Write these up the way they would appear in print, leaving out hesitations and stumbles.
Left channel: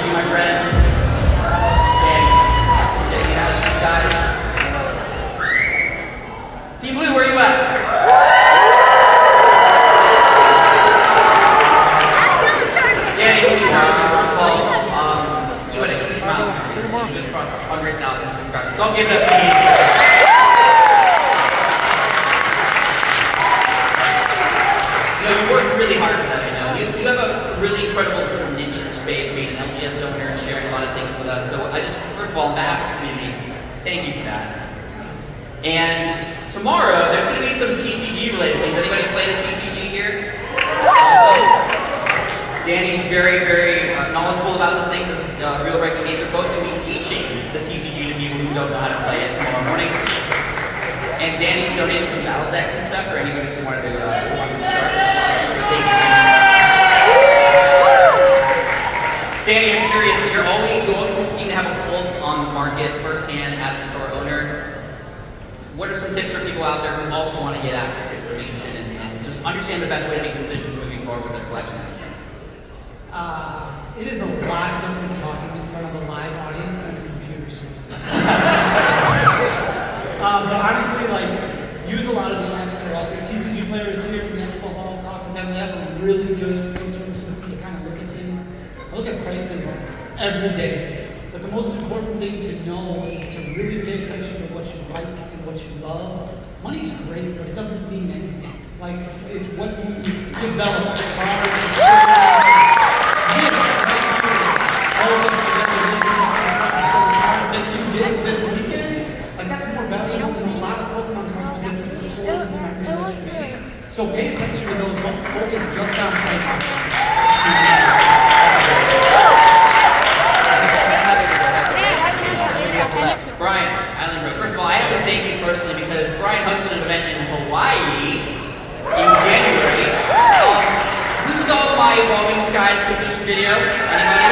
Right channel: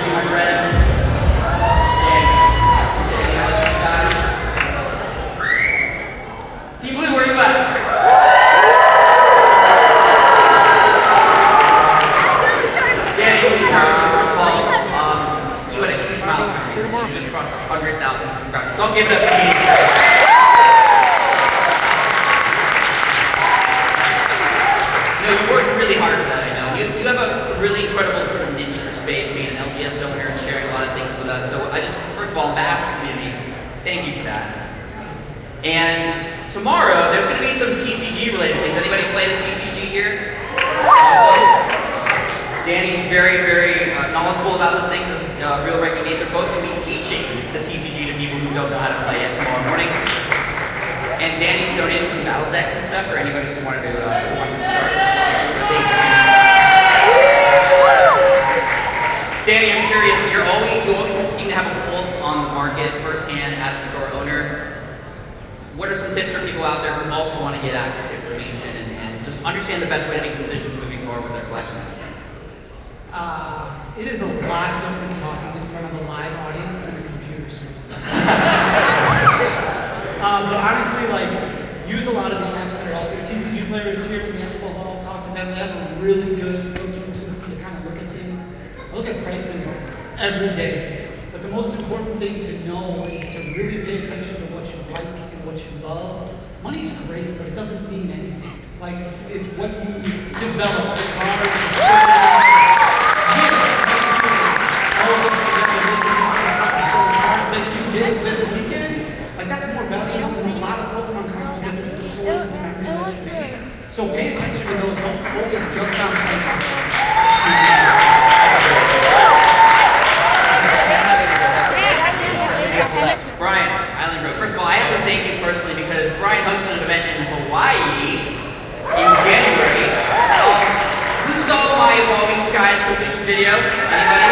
see my friends. Team Blue, where are you at? Danny, first of all, you had a huge milestone. You just crossed 100,000 subscribers. So I'll give it up to you. No, you worked really hard for that, I know. You have a really incredible sort of niche in the space, being an LGS owner and sharing a lot of things with us. So I just, first of all, on behalf of the community, thank you for that. And tomorrow, there's going to be some TCG-related things. Anybody play the TCG here? Awesome. Danny's very, very knowledgeable about those things. Really recommend they're both going to be teaching the TCG to people who don't know how to play it tomorrow morning. And Danny's donated some battle decks and stuff for anybody who wanted to start. Danny, I'm curious. You always seem to have a pulse on the market firsthand as a store owner. What are some tips for people out there who also want to get access to information and just understand the best way to make decisions moving forward with their collections? It is a lot different talking in front of a live audience than a computer screen. But honestly, use a lot of the apps that are out there. TCG players here from the Expo Hall, talk to them. They have a really good filtering system to kind of look at things. I look at prices every day. But the most important thing to know is to really pay attention to what you like and what you love. Money's great, but it doesn't mean anything. It's what you develop. This weekend, that's more valuable than a lot of Pokemon cards because it's the stores and the memories that you're making. So pay attention to those. Don't focus just on pricing. Brian, Island Road. First of all, I have to thank you personally because Brian hosted an event in Hawaii in January. Who saw the My Evolving Skies completion video? Anybody?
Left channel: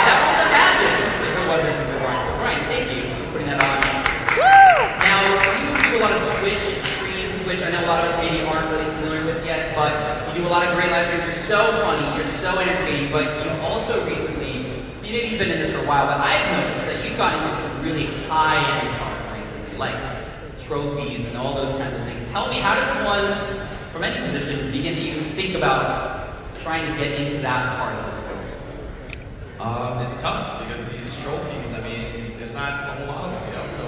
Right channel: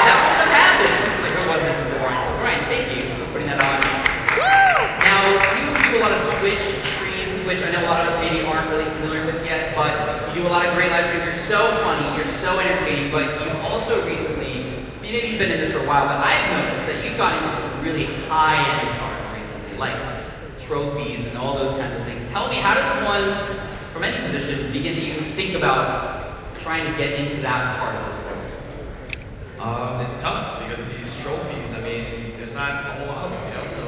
That was what happened. It wasn't before. So Brian, thank you for putting that on. Now, you do a lot of Twitch streams, which I know a lot of us maybe aren't really familiar with yet, but you do a lot of great live streams. You're so funny, you're so entertaining, but you've also recently, maybe you've been in this for a while, but I've noticed that you've gotten into some really high-end cards recently, like trophies and all those kinds of things. Tell me, how does one, from any position, begin to even think about trying to get into that part of this world? It's tough because these trophies, there's not a whole lot of them, so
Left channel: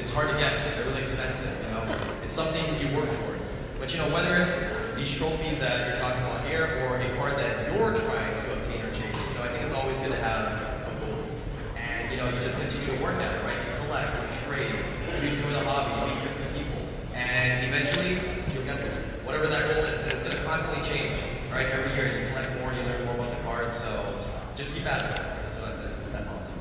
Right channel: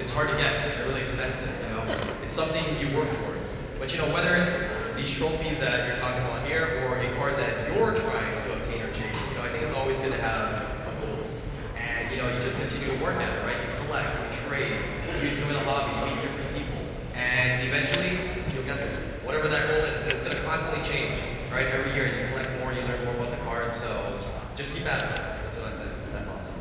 it's hard to get. They're really expensive, It's something you work towards. But whether it's these trophies that you're talking about here or a card that you're trying to obtain or chase, I think it's always good to have a goal. And you just continue to work at it, right? You collect, you trade, you enjoy the hobby, you meet different people. And eventually you'll get there. Whatever that goal is, and it's gonna constantly change, right? Every year as you collect more, you learn more about the cards, so just keep at it. That's it. That's awesome.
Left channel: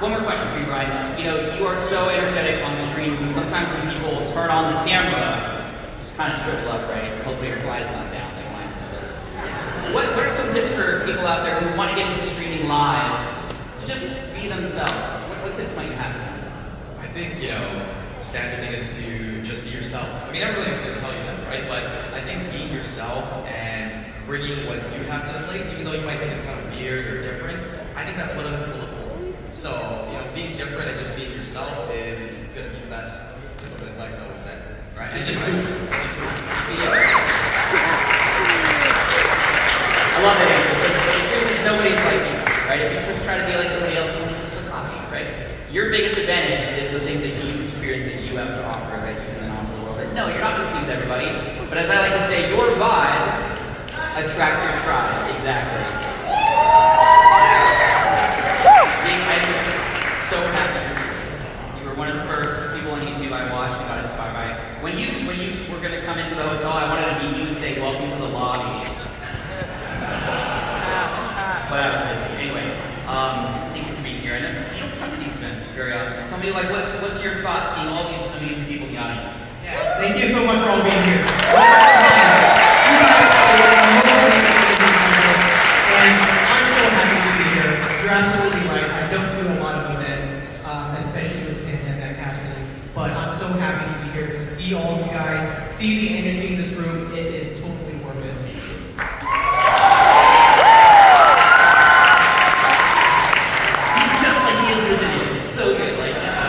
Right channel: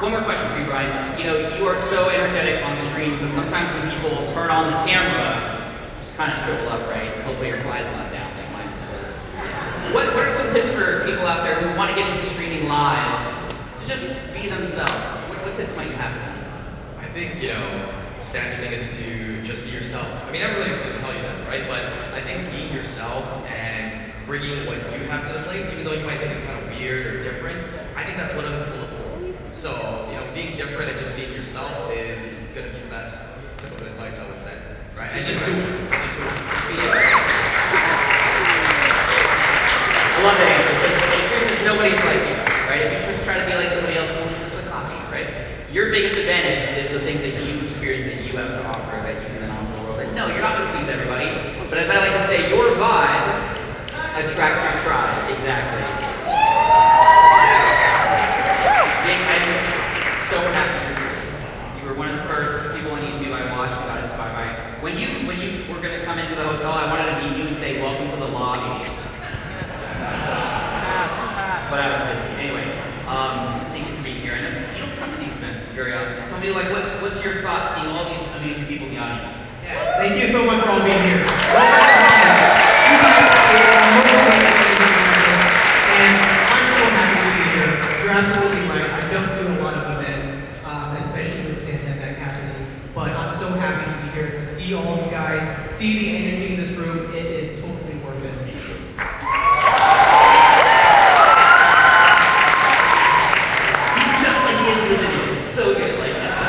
One more question for you, Brian. You are so energetic on screen. Sometimes when people turn on the camera, just kind of shows up, right? Hopefully your fly's not down like mine does. What are some tips for people out there who want to get into streaming live to just be themselves? What tips might you have for them? I think, the standard thing is to just be yourself. Everybody's going to tell you that, right? But I think being yourself and bringing what you have to the plate, even though you might think it's kind of weird or different, I think that's what other people look for. So, being different and just being yourself is going to be the best typical advice I would say, right? And just do it. Just do it. I love that answer. The truth is nobody's like you, right? If you just try to be like somebody else, then you're just copy, right? Your biggest advantage is the things that you experience that you have to offer that you can then offer the world. Like, no, you're not going to please everybody. But as I like to say, your vibe attracts your tribe. Exactly. I'm so happy. You were one of the first people on YouTube I watched who got inspired by. When you were going to come into the hotel, I wanted to be you and say, welcome to the lobby. But I was crazy. Anyway, thank you for being here. I know you don't come to these events very often. Tell me, what's your thoughts seeing all these amazing people in the audience? Yeah, thank you so much for all being here. see the energy in this room, it is totally worth it. It's so good. Like, it's so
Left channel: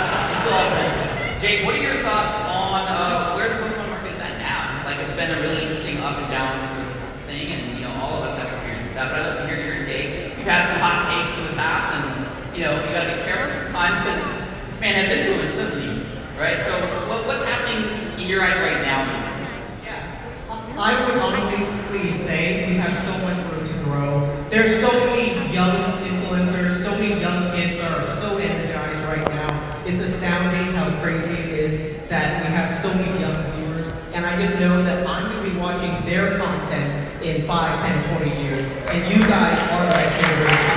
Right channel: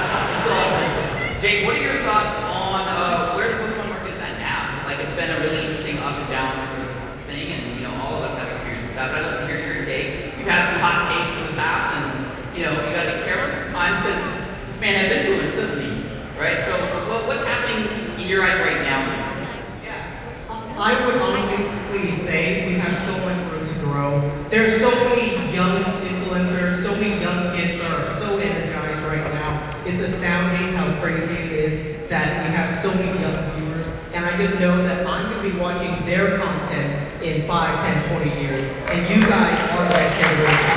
good. Jake, what are your thoughts on where the Pokemon market is at now? Like, it's been a really interesting up and down sort of thing, and you know, all of us have experience with that. But I'd love to hear your take. You've had some hot takes in the past, and you know, you gotta be careful sometimes because this man has influence, doesn't he? Right? So, what's happening in your eyes right now? I would honestly say we have so much room to grow. There's so many young influencers, so many young kids that are so energized right now. It's astounding how crazy it is that we have so many young viewers. And I just know that I'm going to be watching their content in 5, 10, 20 years. And you guys are that generation.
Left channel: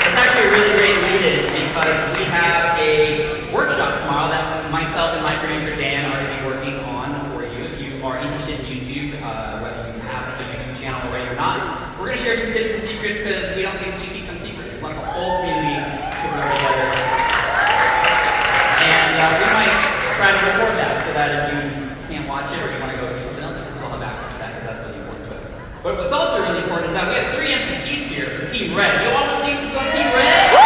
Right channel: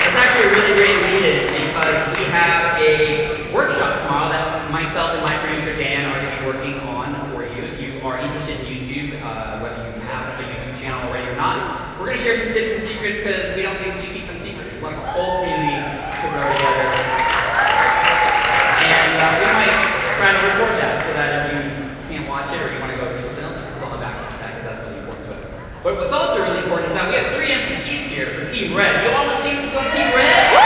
It's actually a really great lead-in because we have a workshop tomorrow that myself and my producer Dan are going to be working on for you. If you are interested in YouTube, whether you have a YouTube channel already or not, we're going to share some tips and secrets because we don't think GP comes secret. We want the whole community to grow together. And we might try to record that so that if you can't watch it or you want to go do something else, you can still have access to that because that's really important to us. But what's also really important is that we have 3 empty seats here for Team Red. You all want to see some Team Red?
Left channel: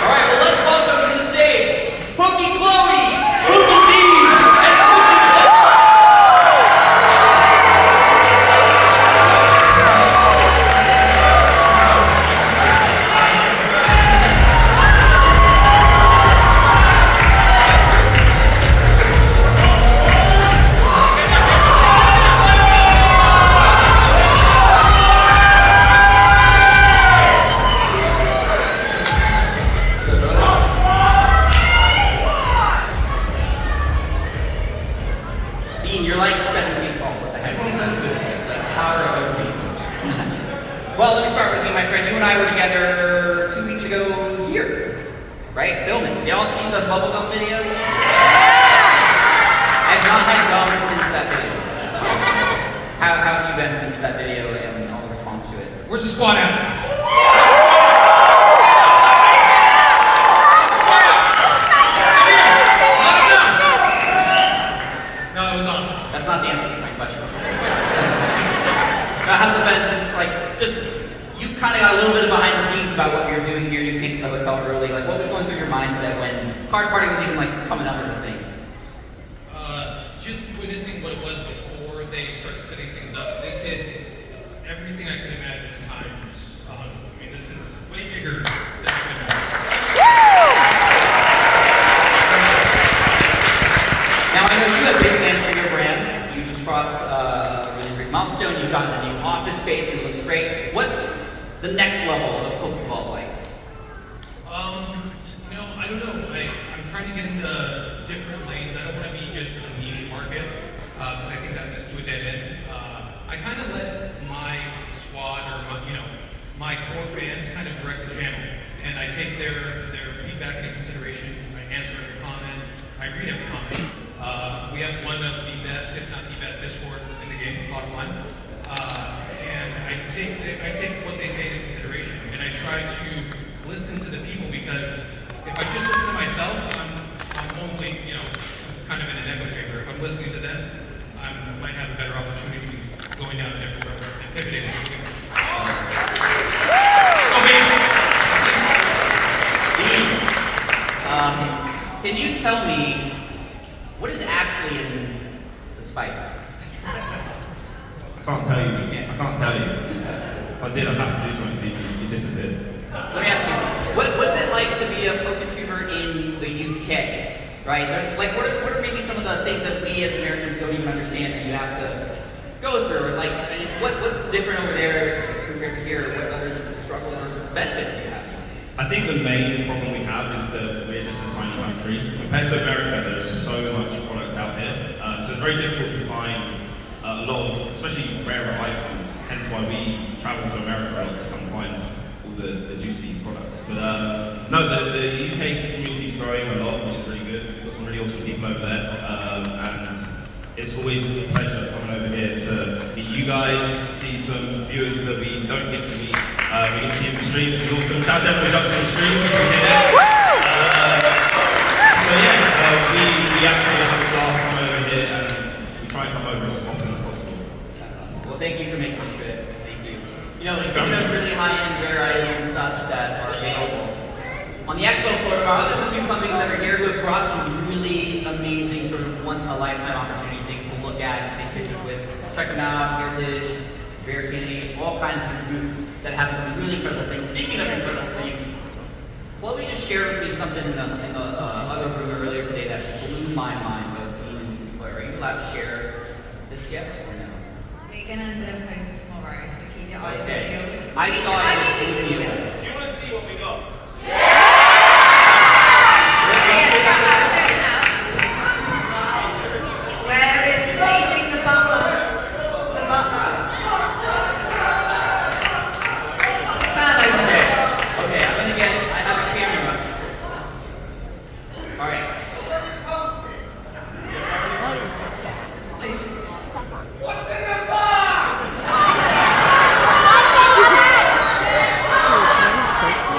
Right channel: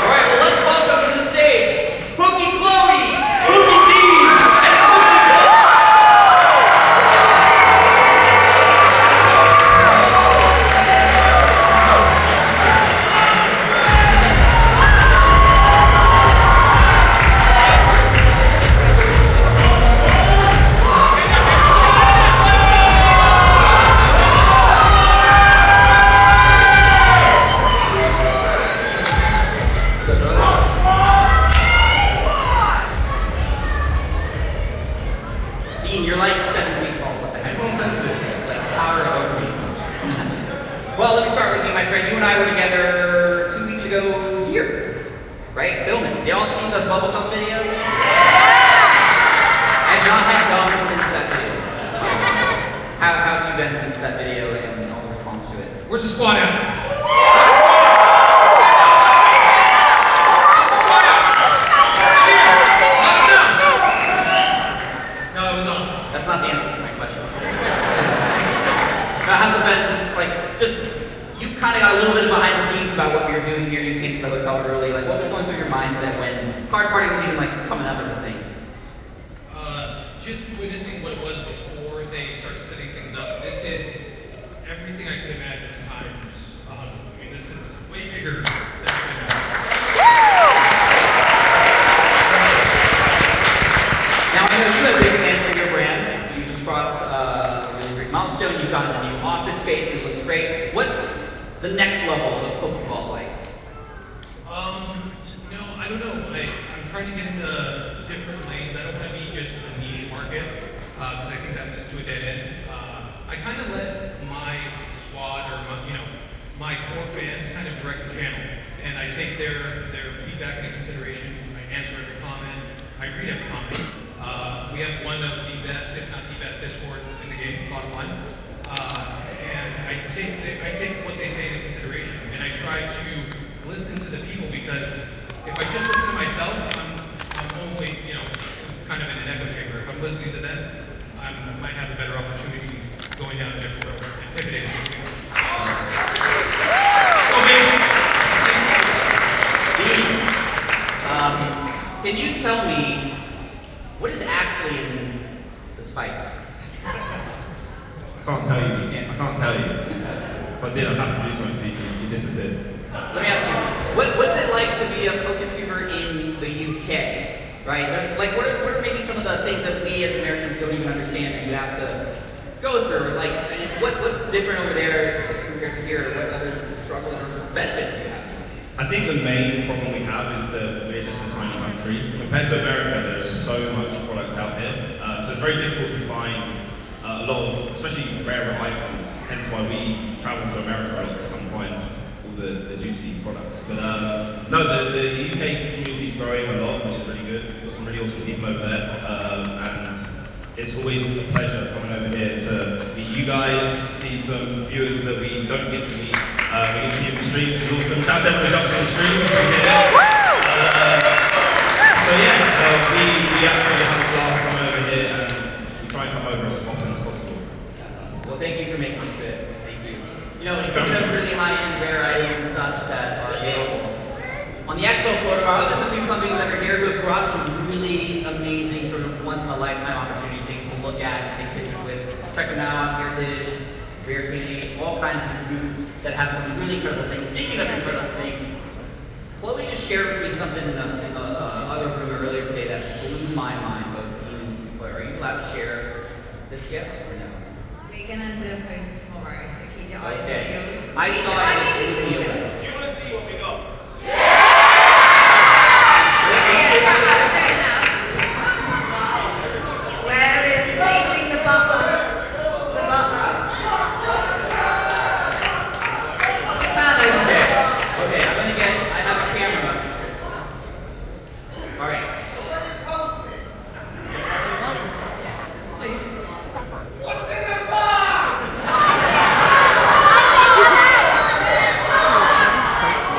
Alright, well let's welcome to the stage Pokey Chloe, Pokey Dean, and Pokey Dean, you're like 7 feet tall. Who says this? That's how we're going to be. Well, let me start with you, my friend. You and I were together 2 weeks ago here, right? Filming. Y'all seen the bubblegum video? I've not had gum since that video. How have you been since that video and all the response to it? Where's the squad at? No, it was awesome. That's not the answer to my question. Now, how's it been since, like, just, you kind of got a little bit of behind the scenes about what you're doing here. You came to the hotel early. Like, what was going through your mindset when Card Party was even, like, coming up as a thing? Just witnessing what it was before they started setting things up. This is everything I could imagine times 100. I mean, this is way bigger than I could imagine. Now, I know you have big plans for your brand. You just crossed a really big milestone. You've got a new office space. It looks great. What's the next level of Pokeball like? You know, I don't know. I'm trying to get into different lanes. I don't want to be just in a niche market because I think that leads to a dead end. I kind of let my squad or my core fans kind of direct the channel, and I take their feedback into consideration. I answer every comment. I read every comment. We have one of the best, if not the best, Discord in the game, bottom line. And I take what they say into consideration, and I try to listen to the people because if I just listen to myself, I'm only, kind of in an echo chamber. If I'm listening to them, I might have a better opportunity going down a different road, pivoting. Can you tell me what is actually in the spice? I can't tell you. I can't tell you. If I did, I'd have to do something so you disappear. Let me ask you, what's it like to be a PokeTuber in the UK, right? Like, what are maybe some of the things that we as Americans don't even understand that you have to go through? Like, and what's different over there compared to here? What other struggles or benefits do you have? I think the main problem we have is that we're just a tiny country. Compared to America, there's so much product out here. So it's very difficult to find a lot of, especially rarer items. Hence why we travel to America to come find all the juicy products. But no, the UK community is growing a lot, which is really good. We've got some really awesome people over there. And it's always a pleasure coming over here to meet you guys, see some viewers that we don't get to meet We can see you in the streams. It's awesome. Shout out to everyone who jumps in the streams. So yeah, we actually have a class come over here and we try and come over as often as possible. Well, thank you for making the trip. Thank you. You know, speaking of really high-end rare items and such that are available, on the expo floor tomorrow, there's a few companies that are here who have brought some really amazing, sort of once-in-a-lifetime opportunity things to look at and take pictures with. Check them out, Heritage, Rare Candy, all kinds of groups that have some really incredible things. Speaking of incredible things, Chloe just shared with me something in the other room earlier today that blew my mind. Are you allowed to share this gift? We're gonna do a post tomorrow, so keep your eyes Okay. peeled. I saw I it. think we can do them. Do you want to see what we got? Where is paging the butler? The butler. Oh, man, Okay, I'm gonna get, I have a camera. All right. please.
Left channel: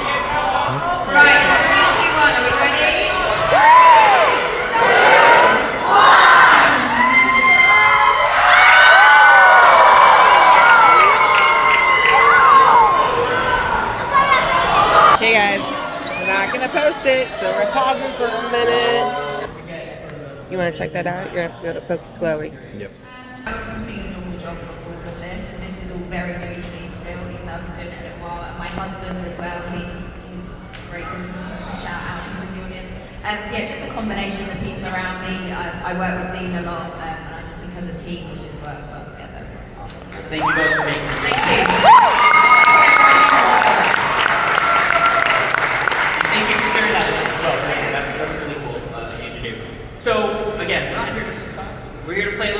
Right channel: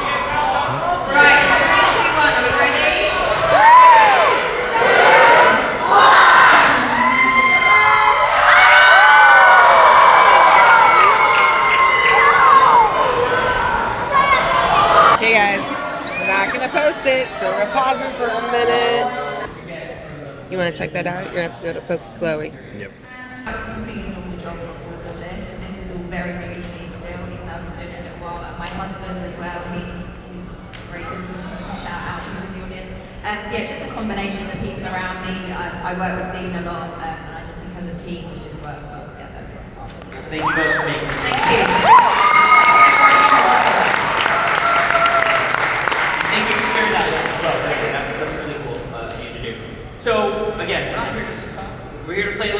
Right, 3, 2, 1, are we ready? 3, 2, 1. Okay guys, we're not gonna post it, so we're pausing for a minute. You wanna check that out? You're gonna have to go to Poke Chloe. Yep. It's completely normal job for all of this. This is all very new to me still. Doing it well. And my husband as well. He's a great businessman. Shout out, he's in the audience. So yeah, it's just a combination of people around me. I work with Dean a lot, and I just think as a team we just work well together. Thank you both for making this. Thank you. Thank you for sharing that with us as well. That's really cool of you to do. So again, we're not here just to talk. We're here to play a